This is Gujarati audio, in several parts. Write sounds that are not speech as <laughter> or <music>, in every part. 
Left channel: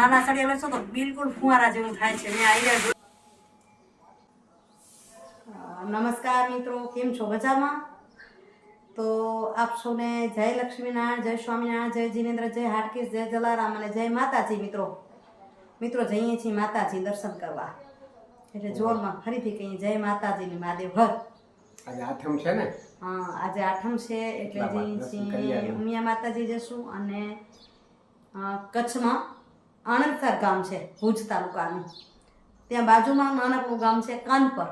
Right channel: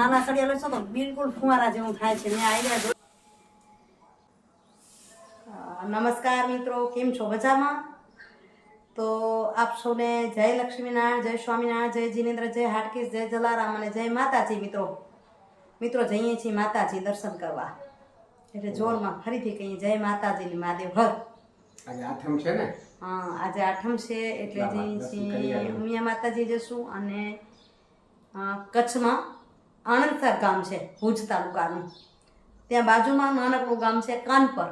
નાના સળિયા લેશો તો બિલકુલ ફુવારા જેવું થાય છે. મેં આઈડિયા જો નમસ્કાર મિત્રો કેમ છો? મજામાં? તો આપ સૌને જય લક્ષ્મીનારાયણ જય સ્વામિનારાયણ જય જીનેન્દ્ર જય હાટકીસ જય જલારામ અને જય માતાજી મિત્રો. મિત્રો જઈએ છીએ માતાજી દર્શન કરવા. એટલે જોરમાં ફરીથી કહીએ જય માતાજીની મહાદેવ હર આજે આઠમ છે ને? હા આજે આઠમ છે એટલે જઈએ છીએ ઉમિયા માતાજી જશું અને કચ્છમાં આણંદસર ગામ છે, ભુજ તાલુકાનું. ત્યાં બાજુમાં નાનકડું ગામ છે, કાનપર.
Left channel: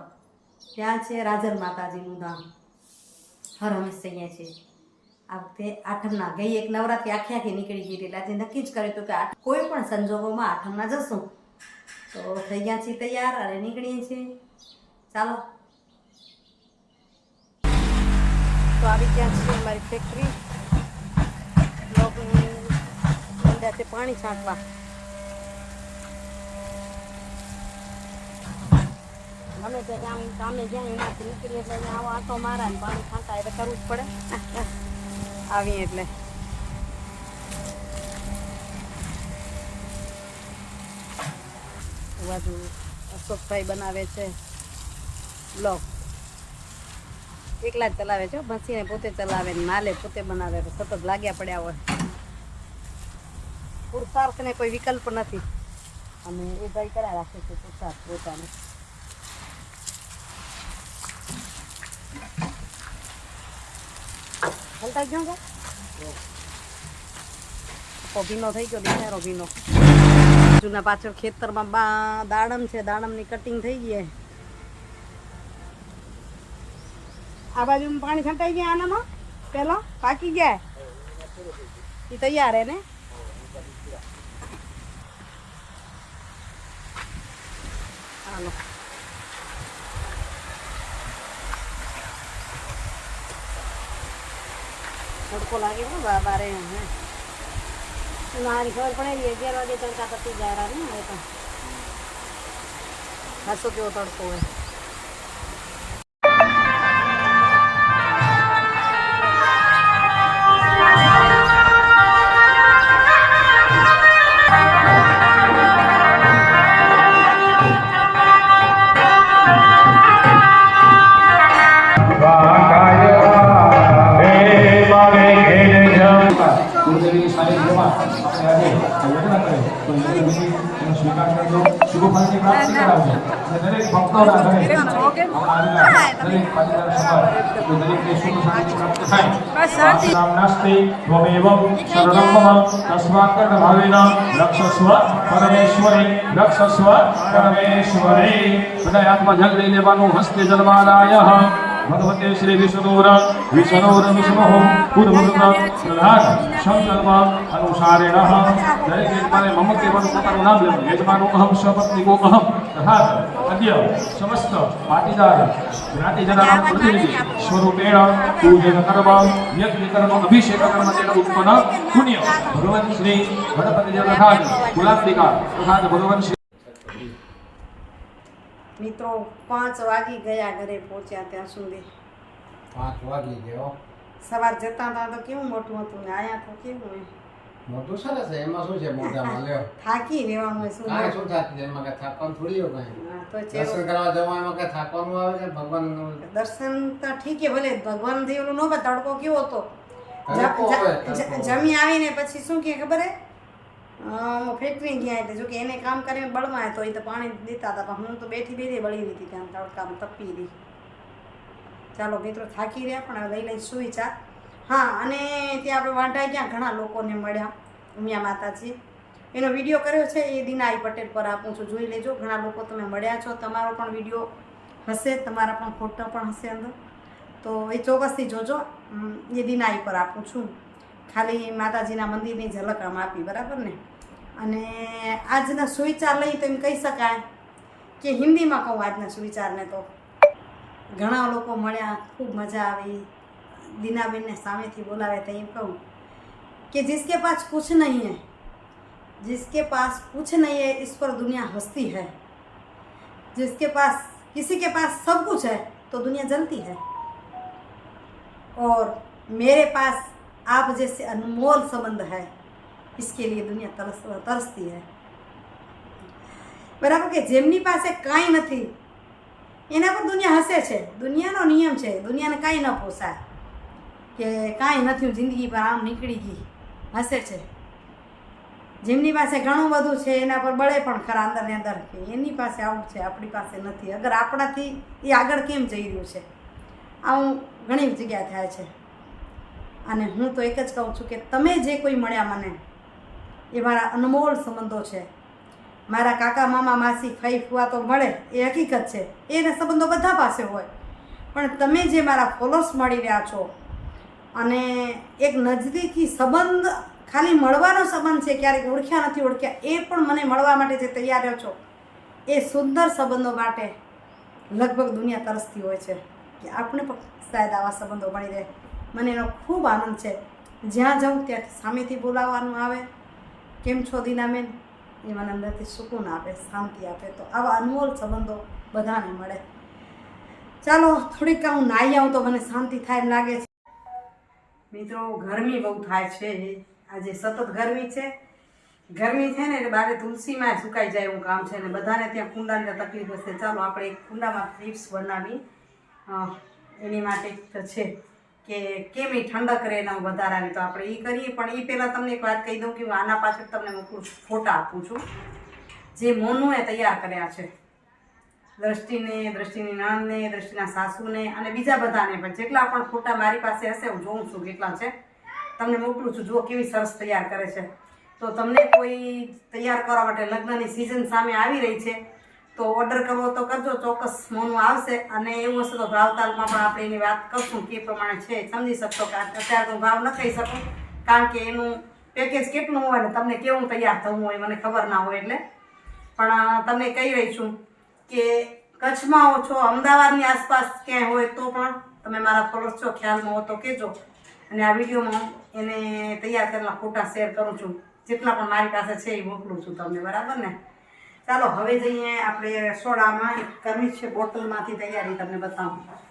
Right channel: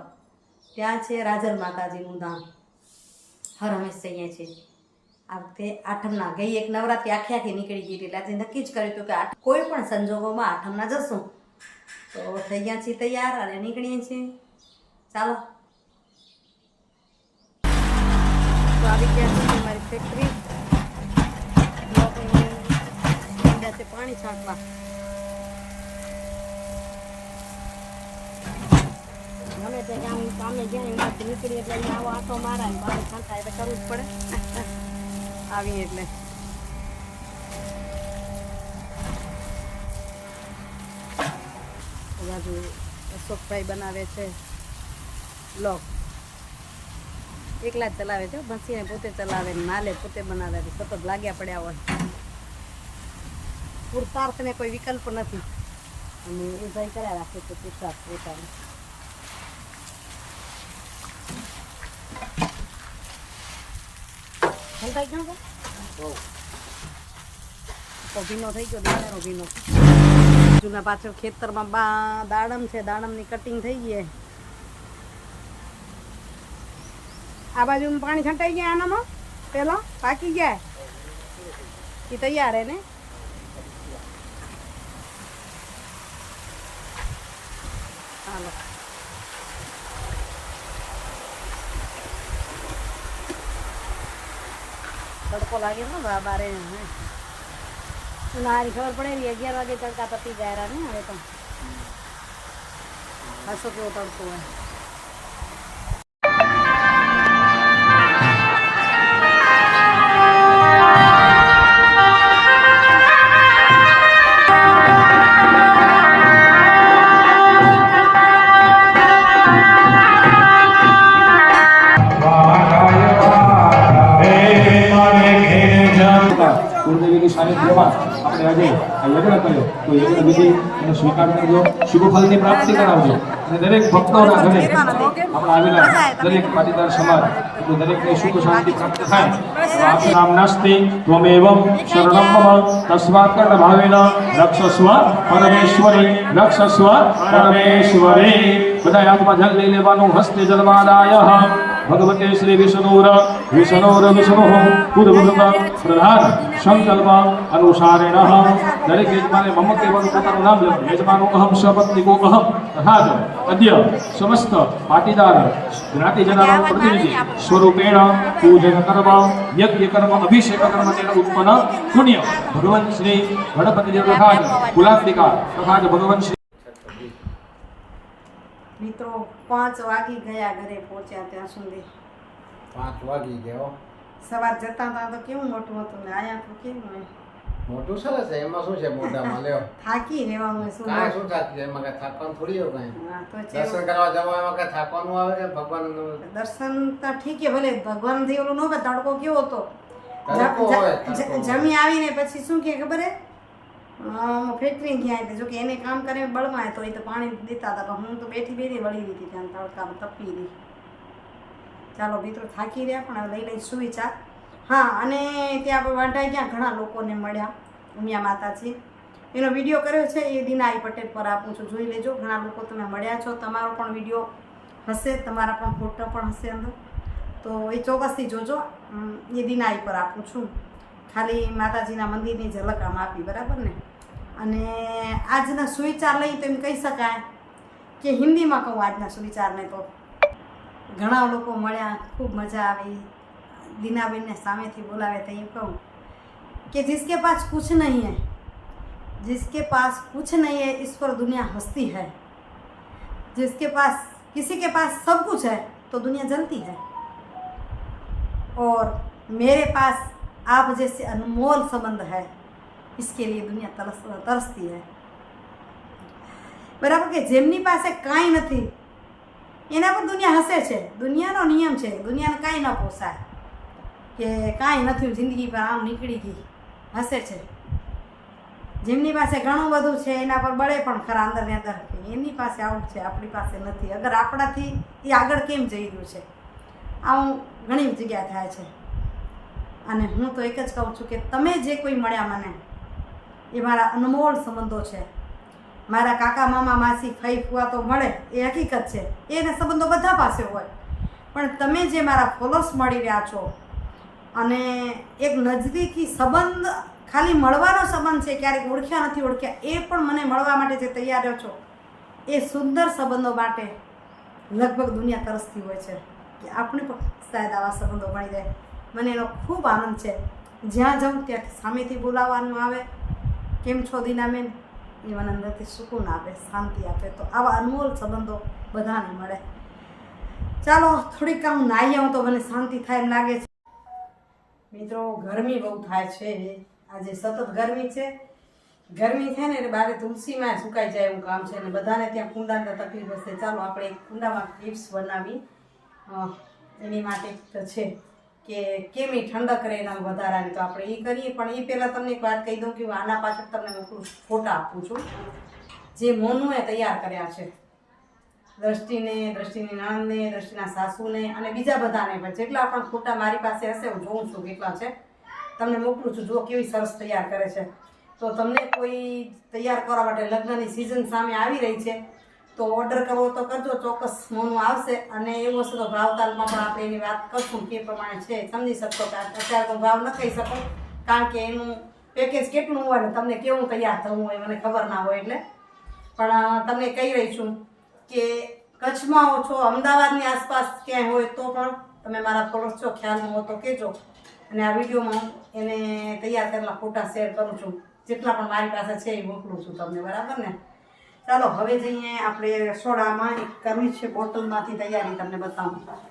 ત્યાં છે રાજર માતાજીનું ધામ. હર હંમેશ છે છીએ. આ વખતે આઠમના ગઈ એક નવરાત્રી આખી આખી નીકળી ગઈ એટલે આજે નક્કી જ કર્યું હતું કે કોઈ પણ સંજોગોમાં આઠમના જશું. તો થઈ ગયા છીએ તૈયાર અને નીકળીએ છીએ. ચાલો. તો આવી ગયા છીએ અમારી ફેક્ટરી બ્લોકની પાણી છાંટવા. ગમે તે કામ કામે જ્યાં એમાંથી નીકળીએ એટલે અહીંયા આવો આંટો મારા ને પાણી છાંટા એટલે કરવું જ પડે. <laughs> આવીએ એટલે. બાજુ અશોકભાઈ બનાવે છે બ્લોક. એકલા જ ચલાવે છે ભસીને પોતે ચલાવે ને માલે પોતે બનાવે તો સતત લાગ્યા પડ્યા હોય. પુરુષાર્થને કોઈ વિકલ્પ નથી. અને એ ભાઈ કર્યા રાખે છે પુરુષાર્થ પોતાનો. હલતાઈ ગયો કે તો ભીનો થઈ ગયો બિચારો ભીનો જૂના પાછળ ખેતરમાં બા દાડમ છે દાડમની કટિંગ થઈ ગઈ આ બાજુ પાણી છંટાઈ ગયા આનામાં પેલા પાકી ગયા એ તૈયાર હે ને હાલો તડકો લાગે પણ બારે હે. મારી ખબર પડે અગિયાર વાગે તડકા તપી જાય રા ને હવે પણ. ખાસો કેવો તડકો હોય. ભાવેન રક્ષસ્વ પરમેશ્વરી રક્ષસ્વ પરમેશ્વરી બધા હાથમાં જલ લઈ લેવાનું હસ્તે જલમાલાય Bhadrabandhu Sri Vishnu Dora, Vishnu Dora Vishnu Sri મિત્રો પાંચ વાગી ગયા ઘરે પહોંચ્યા ત્યાં સુધી. પાંચ વાગી ગયો સવાર જતા હતા તો કેવું મોટું હતું ને આયા તો કેવું હોય મોટું સરસ એમાં શું છે મોટામાં લ્યો. થાકી રહેવાનું હોય શું કાંઈ શું થાકી એમાં કે થાકવાનું થોડી હોય કઈ? તો દર્શન કરવા જવા એમાં કઈ થાકવાનું આવે કે ભગવાનનું દર્શન તો ઠીક છે ભલે ભગવાનથી ઓલું ન તડકો કેવો હતો. જમી આવીને પછી શું કે ખબર હે? ફેક્ટરી ગયા એટલે જો કે એને કામ કરીને બળમાં તો એ તો પાણી દેતા હતા, પણ હું તો બેઠી બેઠી બળી રહી હતી ત્યાં તડકામાં, તપી રહી. ચાલો મિત્રો, થાકી રહ્યા પણ હવે લઈ લઈ સુઈ ચા હા, અને ત્યાં આપણે વાંઢાઈ ગયા ઘણા લોકોને મળ્યા, ઉમિયા માતાજી. એનો વીડિયો કર્યો છે એ દિનાઈ પટેલ પર આપું છું, જોઈ લેજો. ઘણા લોકો તમે મળ્યા છો, તમારો પણ વીડિયો હશે, તમારા પણ ફોટો પણ હશે અંદર. તો એ ચોક્કસથી જોજો. એ દિનાઈ પર આપું છું. ખાલી માતાજીના મંદિરની ઝલક આમ આપી બરાબર ને અને આજના સુવિચાર લઈ તો એમ કહી શકાય કે હિન્દીમાં કહું આજના સુવિચારને તો ઘણા લોકો મળ્યા ખૂબ મજા આવી દીનાબેનને સામેથી બોલાવે તો એમ કહું कि जिसके पास कुछ नहीं है जिसके पास कुछ नहीं है इस पर दुनिया हंसती है जिसके पास किसी के पास सब कुछ है तो दुनिया जलती है और मेरे पास आप जैसे अनमोल संबंध है इसके लिए दुनिया तरस तरसती है બરાબર કે જેમની પાસે કાંઈ નથી એના પર દુનિયા હસે છે દુનિયાનો નિયમ છે દુનિયાને કાંઈ ન પોસાય કે કાંઈ નથી જિંદગી પર આમ નીકળી ગઈ હસે છે જેમની પાસે ઘણું બધું છે એના પર બળે પણ ખરા અંદરની અંદર કે એની પાસે આવું છે આપણી પાસે નથી અગર આપણાથી એ આગળ કેમ જઈ રહ્યું છે આવું ઘણી જગ્યા થાય છે અને હું તો એક જ કહું છું કે તમે જે કોઈ મળ્યા મને, એ મારા અનમોલ સંબંધો છે. મારા કાકા, મામા, માસી, ફઈ, ફુવા તો મળે, એ હકીકત છે. એને સંબંધો બધા પાસે હોય. પણ તમે જે મારા ફોલોઅર્સ મળી રહ્યા છો અને એક નજદીકી સંબંધ ખાલી મળવાનો સંબંધ છે, ક્યારેક ઓળખ્યા નથી ઓળખ્યા, એ પણ મને મળવા માટે જે તૈયાર રહ્યો છો, એ સુંદર સંબંધો માટે લગભગ દુનિયા તરસતી હોય છે કે આપણે પણ શાયદ આવા સંબંધો મળી રહે. મને એનો ખૂબ આનંદ છે. જ્યાં જાઉં ત્યાંથી સામેથી બોલાવવાનું આવે. કેમ છો દીનાબેન? એ મને અંદરથી સુકૂન આપે, શાંતિ આપે. તો આવા અનમોલ સંબંધો બધાને મળે. ચાલો, થોડીક હું નાહી આવું તો મને શાંતિ થાય એમ લાગે છે. મિત્રો, ગરમી બહુ થાય છે. આજે સતત ગરમી છે. ગરમી છે ને એટલે બારે તુલસીમાં સુકાઈ જાય એવું કામ છે અને બધાને ત્યાં કુંડાની તકલીફ હશે. ચાલો, આપણે એક કુંડામાં ક્લિપ્સ બનાવી એની માટે છે. કે કેમ એ ઠંડક રહે એના વધારાની તો આપણે એ કરીએ. પણ એ પહેલાં તમને એક વાત કહી દઉં કે હું આના પાછળ તમને મોકલું ફોટા આપું છું. જે મોનુએ તૈયાર કર્યા છે. દ્રષ્ટિને, દ્રષ્ટિની નણંદને દ્રષ્ટિના સાસુને અને બીજા બધાને પણ. જેટલા પણ ફોટા મારી પાસે હશે, હું જોઉં છું કેટલા છે. તમને મોકલું છું, જુઓ કેવી સરસ તૈયાર કરે છે. તો તમને કોઈ તૈયાર કરવા માટે લગ્નની સિઝન સામે આવી રહી છે. તો ઓર્ડર કરવો તો કરજો, ચોક્કસ મોનું આવશે અને એવું હશે તો ભાવતાલમાં પણ આપણે એની વાત કરશું કે પ્રમાણે છે, સમજી શકશો કે અત્યારે તો ભાવ ન કહી શકું, કારણ કે એનું પેકેજ કેટલું હોય ને તમને કેવું તૈયાર થવું હોય મને ખબર ના હોય એટલે. પણ તમને કહી રહી છું કે કચ્છમાં હો છો, અમદાવાદની આસપાસ ક્યાંય હોય તો પણ તમે મારા ફોલોઅર્સ છો, ખ્યાલમાં હો તો કહેજો. અને આ વિડીયોમાં એને તૈયાર કરેલા ફોટા શેર કરું છું. જેટલા પણ મારી પાસે છે એ મોકલું છું તમને, બરાબર ને? ચાલો હવે જઈએ આપણે સોડામાં. કરવી છે બોટલમાંથી તૈયારી તમને બતાવું.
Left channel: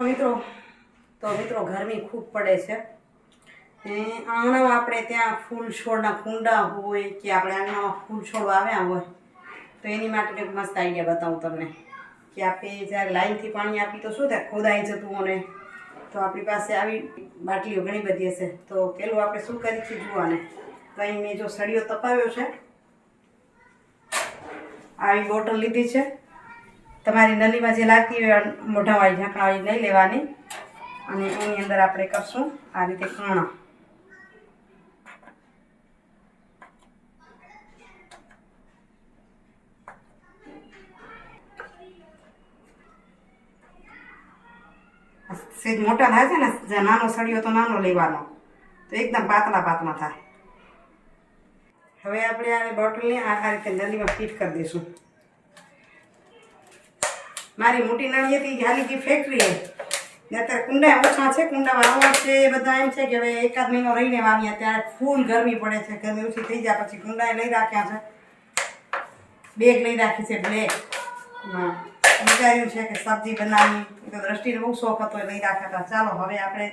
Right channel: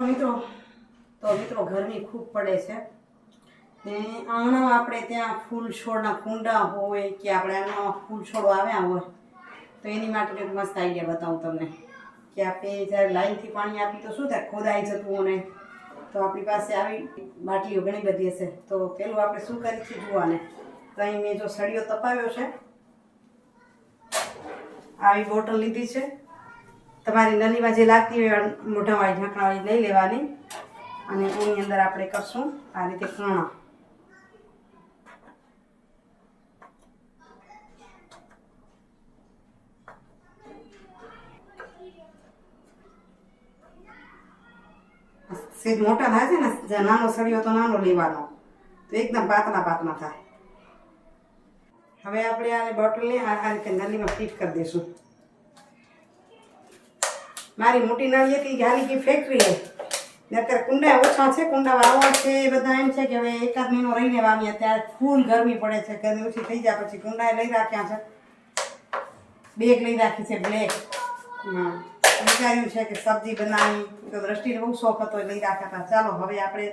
મિત્રો, તો મિત્રો, ગરમી ખૂબ પડે છે. એ આંગણામાં આપણે ત્યાં ફૂલ છોડના કુંડા હોય કે આપણે આંગણામાં ફૂલ છોડ આવ્યા હોય, તો એની માટે એક મસ્ત આઈડિયા બતાવું તમને. કે આપણે જ્યારે લાઈનથી પાણી આપી, તો શું થાય? ખોદાઈ જતું અને તો આપણી પાસે આવી બાટલીઓ ઘણી બધી હશે. તો પેલું આપણે શું કરી છે જોવાને? તો અહીં મેં જો સળિયો તપાવ્યો છે. આવી બોટલ લીધી છે. તમારી નલીમાં જે લાગતી હોય મોઢાવાળી ઢાંકણાવાળી લઈ લેવાની. અને એની અંદર આપણે કરશું આ રીતે કૂણા સીધ મોટા થાય છે ને, જ્યાં નાનો સળિયો તો નાનો લેવાનો. તો એકદમ પાતળા પાતળા થાય. હવે આપણે આ બોટલને આ રીતે નલીમાં ફિટ કરી દઈશું. મારી મોટી નળી હતી એ હાલી ગઈ ફેક્ટરીએ ને અત્યારે કુંડા ઓછા છે કુંડા વાવવા છે, એ બધા એમ છે કે હવે એકાદ મહિનો રહીને વાવીએ, ત્યારે ફૂલ ગરમી પડે છે, ગરમી ઓછી થઈ જાય પછી કુંડા લઈ રાખ્યા છે. બેગ લઈ રાખી છે બ્લેક હા. વિચાર્યું છે કે સબ્જી બનાવી, તો દ્રષ્ટિને બહુ શોખ હતો લઈ રાખ્યા હતા. ચાલો, હવે આપણે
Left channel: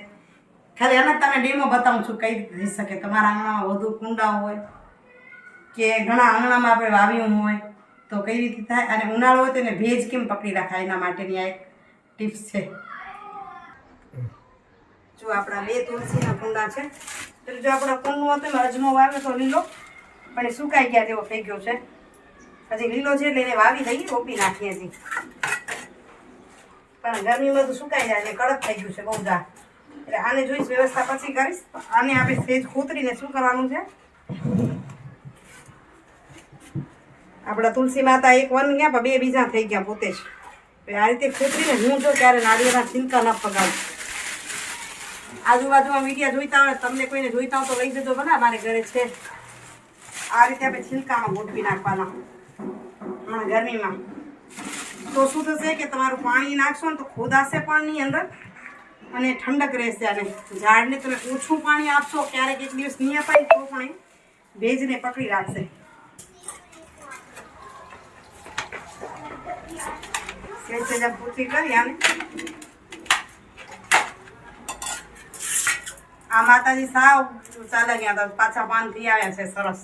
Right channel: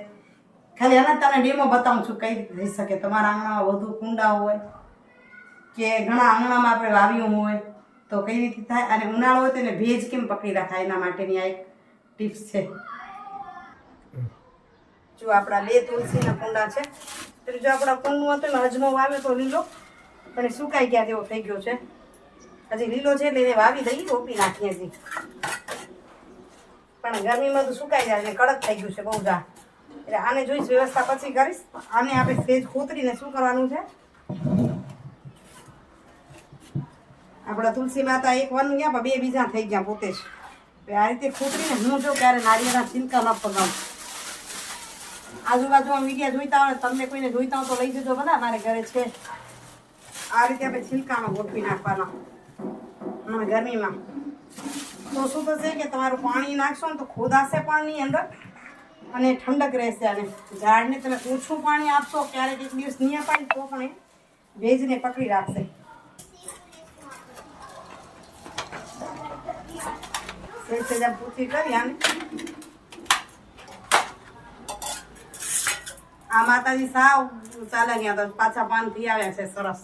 ખાલી એના તમને ડેમો બતાવું છું, કઈ થઈ શકે. તમારા આંગણામાં વધુ કુંડા હોય કે ઘણા આંગણામાં આપણે વાવ્યું હોય તો કઈ રીતે થાય? અને ઉનાળો હોય તો એને ભેજ કેમ પકડી રાખાય એના માટેની આ એક ટિપ્સ છે. જો આપણા બે તુલસીના કુંડા છે. પછી જો આપણા કુંડનું હતું એમાં અજમો વાવ્યો તો લીલો, પણ એ સુકાઈ ગયા જેવો થઈ ગયો છે. હજી લીલો છે એટલે એને વાવી દઈએ રોપી નાખીએ હજી. પણ ગરમીમાં તો સુકાઈ જાય ને કડક થઈ ગયું છે બહુ જા. એટલે આને જોઈશ, વ્યવસ્થા પછી કરીશ. આને આપણે સેજ ખોતરીને શું કરવાનું છે? આપણા તુલસી માતા એક વન ગયા, પણ બે બીજા થઈ ગયા પોતે જ. આ રીતે ખોતરીને હું જો ક્યારે નાળિયેરના છિલકા ન પગાવું આજુબાજુમાં મીડિયા જોઈતા હોય, તમને કોઈને જોઈતા હોય તો લઈ જજો બધા મારે ઘરે છે. આ રીતે આપણે છિલકામાં ગોઠવી નાખવાના. હમણાં ગરમીમાં. તો શું થશે કે તમારું પાણી નાખશો ને તો ખોદાશે પાણીની અંદર અને ઠંડક રહેશે અને ઝાડને તમે ઓછું પાણી આપશો, ક્યારેક એક દિવસ નહીં અપાય તો પણ એ ભેજને પકડી રાખશે. સેજ સેજ પૂછી કરી આને? આ માતાજી સાવ ચાલે ગયા તો પાછા પાન થઈ આવ્યા છે સરસ.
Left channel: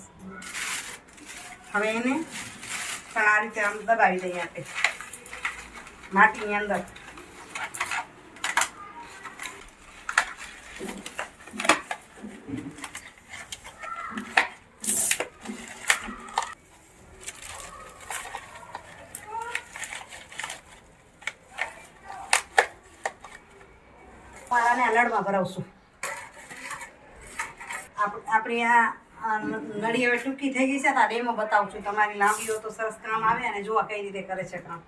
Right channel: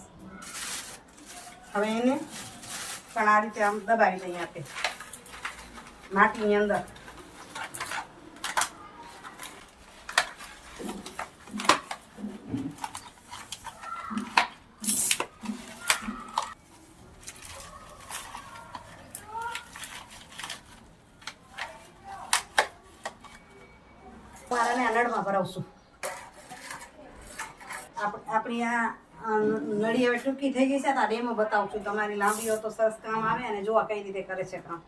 હવે એને પણ આ રીતે આમ દબાવી દઈએ આપણે માટીની અંદર. આ નળમાં ભરાવશું. આપ- આપણી આ નળી હવે ટૂંકી થઈ ગઈ છે, તો આ ડેમો બતાવું છું તમારી લાંબી હોય તો સરસ કામ આવે અને જોવા કઈ રીતે કરે છે કામ.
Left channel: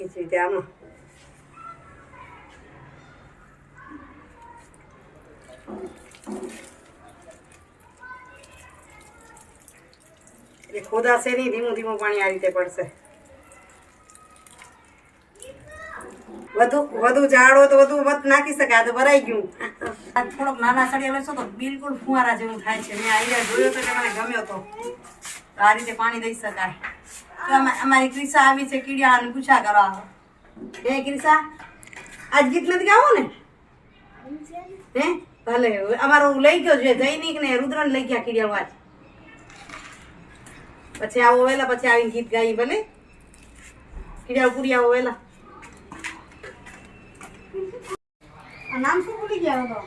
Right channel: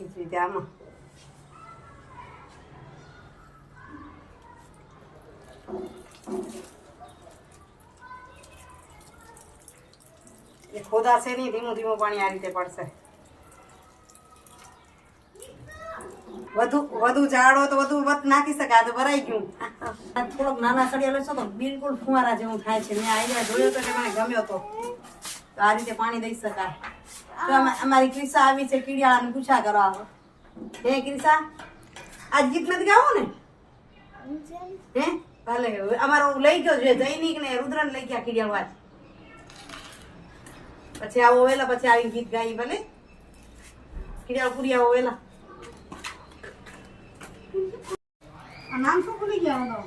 એ રીતે આમાં. એ ખોદાશે નહીં, ધીમું ધીમું પાણી આ રીતે પડશે. વધુ વધુ હોય તો વધુ મત નાખી શકે, આ તો ભરાઈ ગયું. થોડોક નાના સળિયા લેશો તો બિલકુલ ફુવારા જેવું થાય છે. મેં આઈડિયા જોયો તો મને ગમ્યો તો. આ રીતે પાણી દઈ શકાય. તો અમારી ક્રિસા આવી છે, કીડિયાળાને પૂછા કરવા. હે ક્રિસા, આજ ગીત નથી ગાવો ને? હે? ભલે અમારો લઈ ગયો છે જૈનિક ને રુદ્ર લઈ ગયા કીડિયાળો આજ. પછી આવો વેલા પછી આવીને ગીત ગાઈ ભલે. કીડિયાળ પૂરી આવો વેલા નામ શું ભૂલી ગયા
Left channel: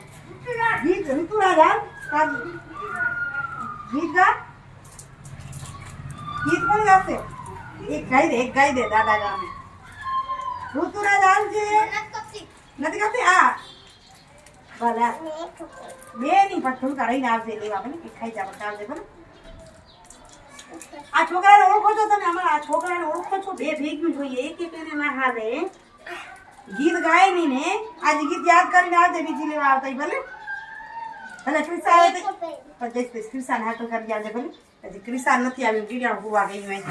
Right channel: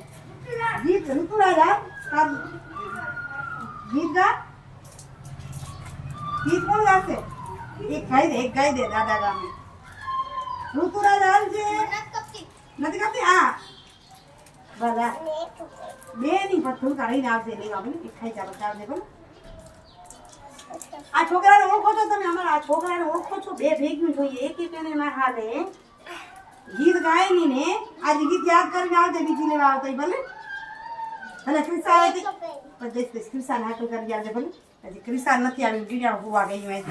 ગીત ઋતુરા આ? ગીત ગા? ગીત કોણ ગાશે? એક ગાઈ દે, એક ગાઈ દે દાદા ગામે. ઋતુરા હાલ છે? નથી ગાતી? આ. ભલા. બે નહીં, પણ થોડુંક રહીને આવજે, લેવા બને ખાઈ જા પછી ભલે. આ છોકરાને ઓળખો છો તમે? અમારા આ છોકરાને ઓળખો છો. બે ભેગું જોઈએ. એક એક એને ના હાલે ગીત ગાય નહીં ને આજે ગીત યાદ કરીને આવજે બીજી લેવા આવતા ભલે. ભલે ક્રિસા આવે પણ જઈશ જઈશ ક્રિસાને હાકલ કરી આવજે ભલે. હજી ક્રિસા નથી આવી ગીડિયા હોવા ગઈ હોય.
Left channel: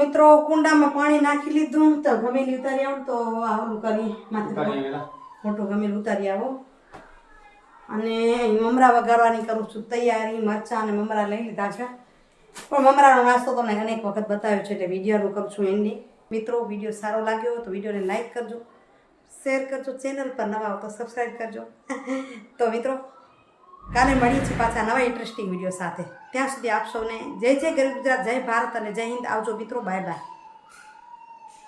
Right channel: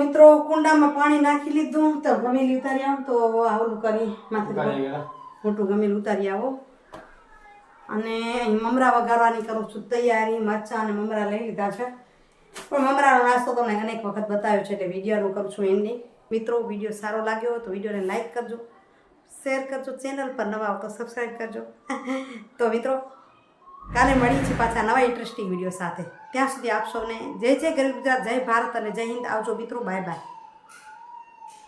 મિત્રો કુંડામાં પાણી નાખી લીધું તો ગમેલી ઉતારી આવું તો આવું કરી માથે મોટું ગમેલું ઉતારી આવો. અને અહીં મમરા વગાડવાની કરું છું. તૈયારી મરચાં અને મમરા લઈ લીધા છે. પણ મમરાનો નાસ્તો તમને અનેક વખત બતાવ્યો છે એટલે વિડીયોનું કરું છું એન્ડિંગ મિત્રો વીડિયો સારો લાગ્યો હોય તો વિડીયોને લાઇક કરજો. શેર કરજો. ચેનલ પર નવા હો તો સબસ્ક્રાઈબ કરજો. તો મિત્રો, કાલે મળીએ છીએ પાછા નવા ઇન્ટરેસ્ટિંગ વીડિયો સાથે. ત્યાં સુધી આપ સૌને જય જય ગરીબ ગુજરાત, જય ભારત અને જય હિન્દ. આવજો મિત્રો. Bye bye